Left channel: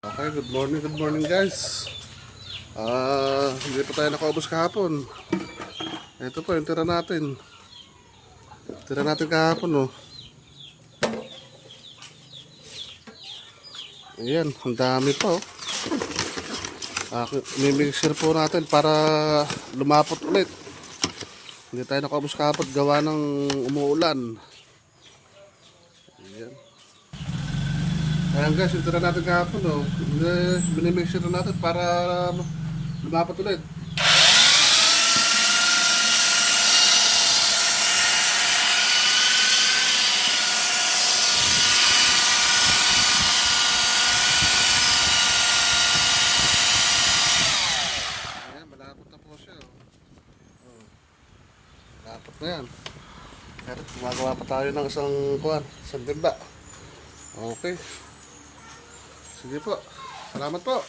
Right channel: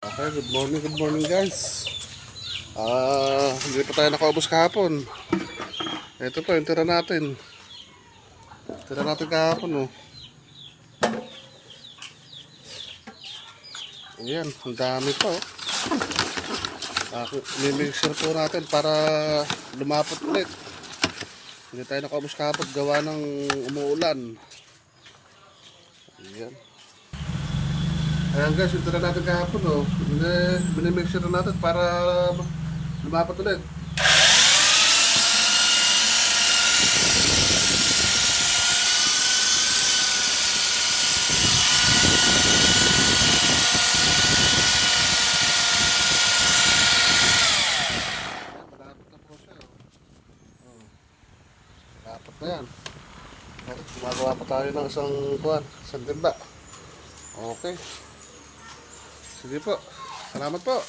Okay, good morning guys. Hindi pa tayo nakaubos kahapon. Ito pa yung tira natin. Tira natin kahapon, oh. Ayan, ang dami pa, oh. Mimixer po natin para lumapot ulit. Hindi tayo nakaubos kahapon gawa ng umuulan. Ayan. Ayan guys, yung tira natin kahapon, oh. Binimixer natin para lumapot ulit. Dapat na yan. Dapat gumagawa pa tayo ng isang timba. Okay. Sige po. Salamat po.